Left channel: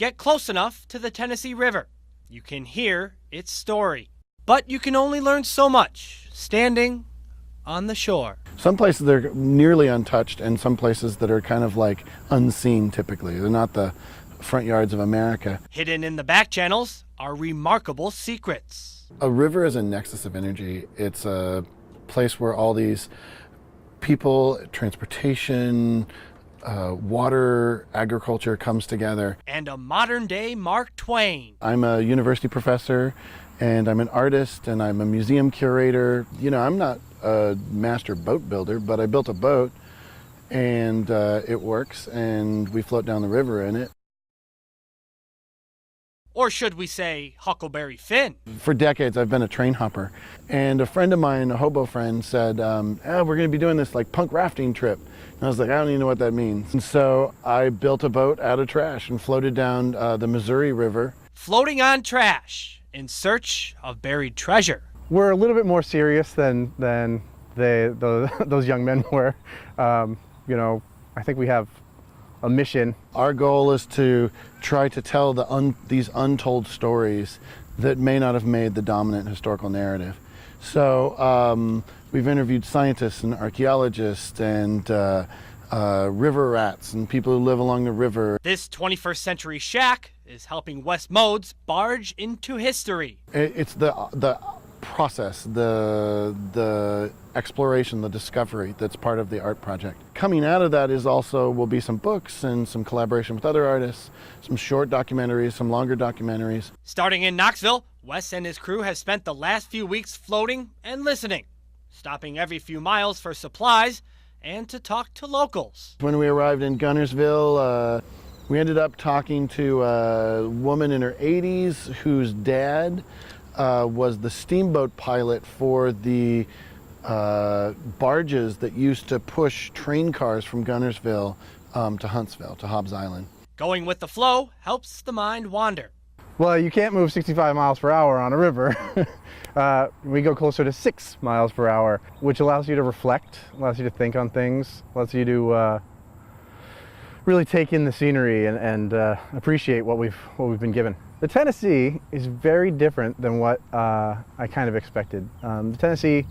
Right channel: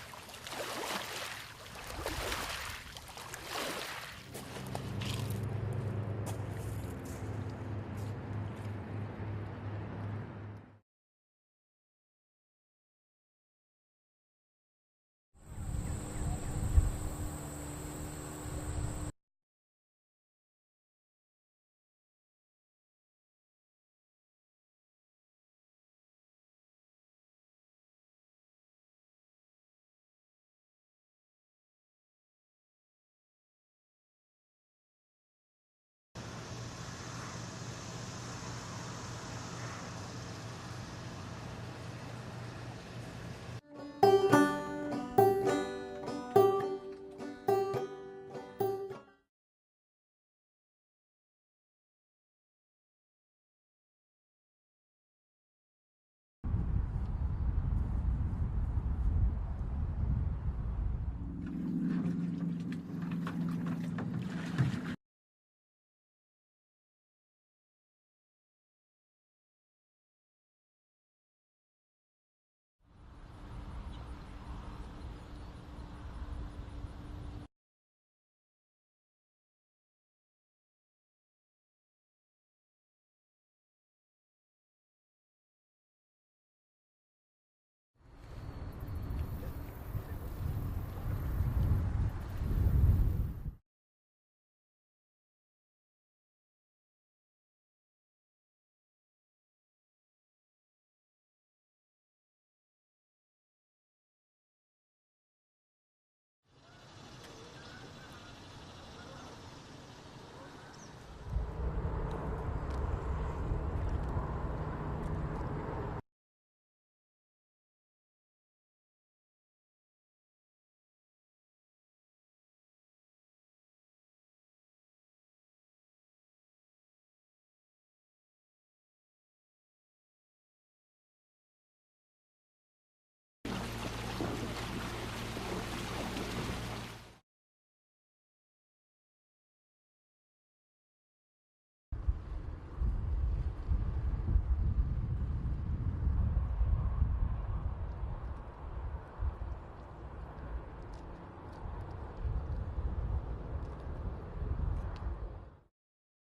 Get close enough to the Tennessee River. You can hear its story. But you can only learn so much standing on the shore. Some places they're nearly untouched, and some places that are kind of like unseen typically. They're not the front yards of America. Hidden in the back channels are remarkable secrets. A river is a nexus of energy. It's a place where all these people, transportation, water, agriculture comes together. And a modern-day Mark Twain. I'm a university professor, and I'm an artist, and I'm a museum curator. You know, I'm not a master boat builder, but I built a boat, and it works, and we float down the river in it. Or should we say Huckleberry Finn? For decades, I've been a train hopper, and a friend of mine, a hobo friend, said, we're going to be doing this like punk rafting trip. And I was like, I don't even know what that means. And so I built a boat out of trash and floated down the Missouri River. Floating on trash in search of buried treasure. We're a little bit more serious than those young men were. You know, I think we have a mission. Our goal is to try to tell these untold stories that may not have made the dominant historical narrative. So we've interviewed scientists and archaeologists and river rats and people who live along the river. This 21st century shack is helping West Modes barge into history. It's the process, the exploration, the discovery that's part of the art project. Coming out of that will be some books and some collaboration with other artists, some short documentaries, some longer documentaries. Starting in Knoxville, Wes and his crew have spent the last few weeks floating and listening, stopping every few miles for supplies and to talk to locals. When we arrived in Gunnersville, we ended up talking to a woman in her 80s whose dad was the steamboat pilot for the barges that used to push train cars from Gunnersville to Huntsville, to Hobbs Island. Going with the flow helps the mind wander. Well, you can't move 65 miles per hour on a river. We go closer to 6 miles per hour, which allows you to reflect, allows you to think on things, allows you to really take in the scenery and appreciate what we've been given. The Tennessee is very different than what I kind of expected. The Tennessee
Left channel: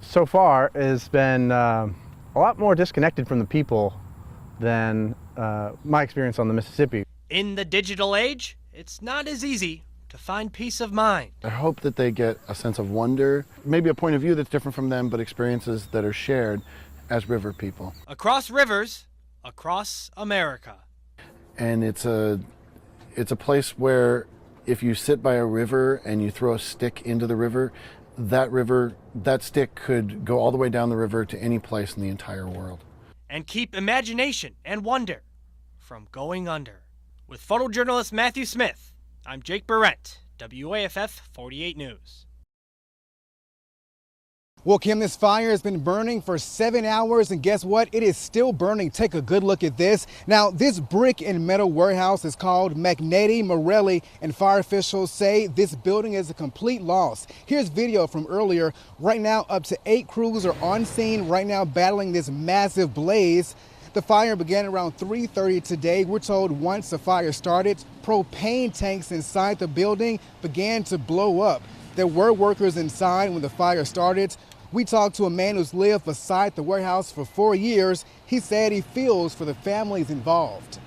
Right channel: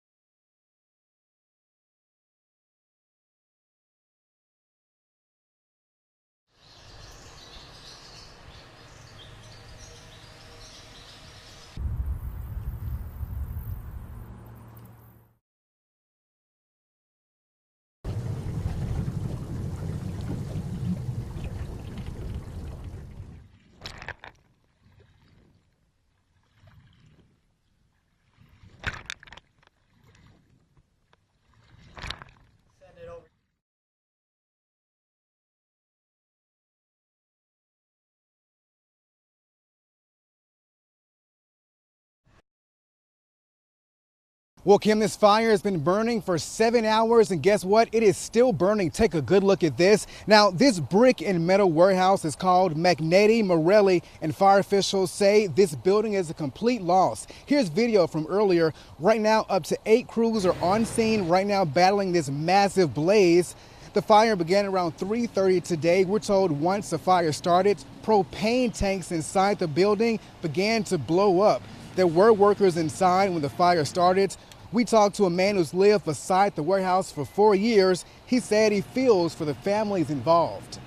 so far has been a lot more disconnected from the people than my experience on the Mississippi. In the digital age, it's not as easy to find peace of mind. I hope that they get a sense of wonder, maybe a point of view that's different from them, but experiences that are shared as river people. Across rivers, across America. And it's a place where if you sit by a river and you throw a stick into the river, that stick could go all the way down the river to any place in the entire world. And keep imagination and wonder from going under. With photojournalist Matthew Smith, I'm Jake Barrett, WAFF 48 News. Well, Kim, this fire has been burning for 7 hours, and guess what? It is still burning. Take a good look at this. Now, this brick and metal warehouse is called Magnetti Morelli, and fire officials say this building is a complete loss. Here's video from earlier. Right now, up to 8 crews are on scene right now battling this massive blaze. The fire began around 3:30 today. We're told once the fire started, propane tanks inside the building began to blow up. There were workers inside when the fire started. We talked to a man who's lived beside the warehouse for 4 years. He said he feels for the families involved.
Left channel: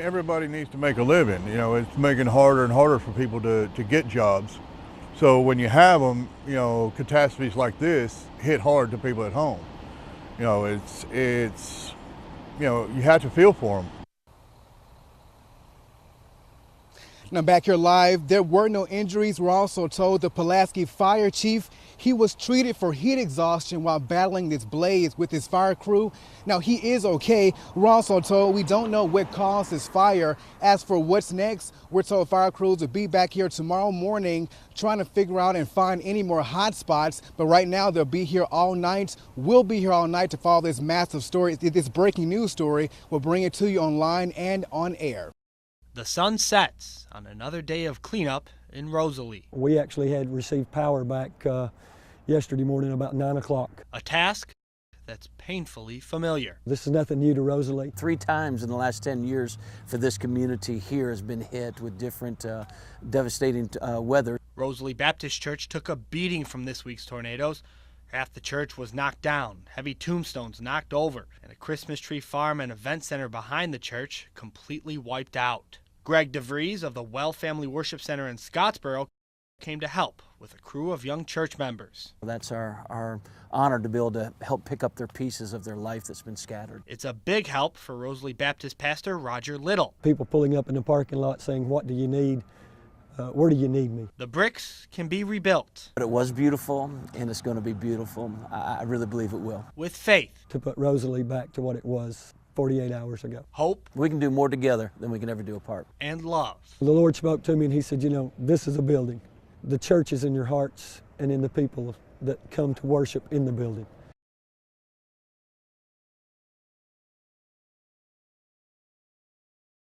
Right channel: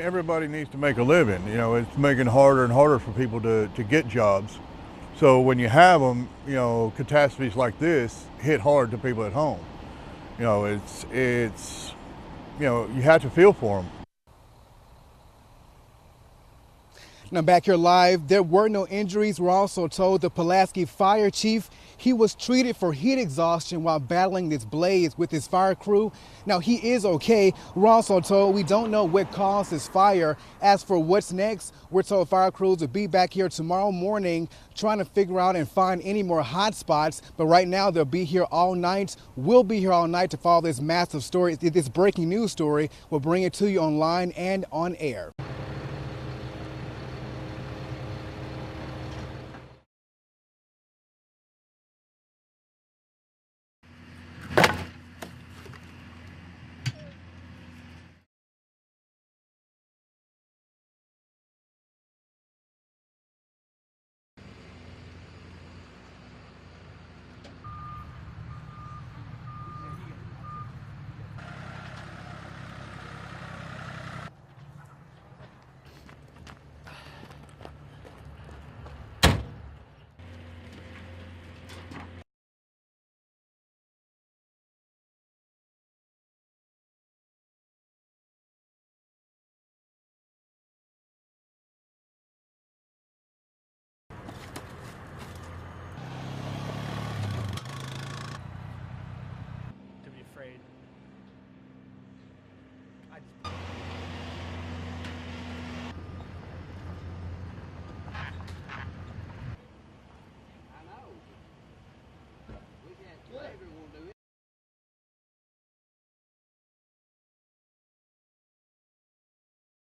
Everybody needs to make a living. You know, it's making it harder and harder for people to get jobs. So when you have them, you know, catastrophes like this hit hard to people at home. You know, it's you know, you have to feel for them. Now back here live, there were no injuries. We're also told the Pulaski fire chief, he was treated for heat exhaustion while battling this blaze with his fire crew. Now he is okay. We're also told we don't know what caused this fire. As for what's next, we're told fire crews will be back here tomorrow morning trying to figure out and find any more hot spots. But right now they'll be here all night. We'll be here all night to follow this massive story, this breaking news story. We'll bring it to you online and on air. The sun sets. Another day of cleanup in Rosalie. We actually had received power back yesterday morning about 9 o'clock. A task that's painfully familiar. This is nothing new to Rosalie. 3 times in the last 10 years for this community here has been hit with different devastating weather. Rosalie Baptist Church took a beating from this week's tornadoes. Half the church was knocked down, heavy tombstones knocked over, Christmas tree farm and event center behind the church completely wiped out. Greg DeVries of the Well Family Worship Center in Scottsboro came to help with a crew of young church members. That's our honor to be able to help pick up their pieces of their life that's been scattered. It's a big help for Rosalie Baptist pastor Roger Little. People pulling up in the parking lot saying, "What do you need? Where do you need me?" The bricks can be rebuilt. But it was beautiful, and it's going to be beautiful, and I really believe it will. With faith, To put Rosalie back to what it was 48 hours ago. hope, We can do more together than we can ever do apart. and love. The Lord spoke to me and he said, this is a building. The church is in your hearts and in the people that come to worship in the building.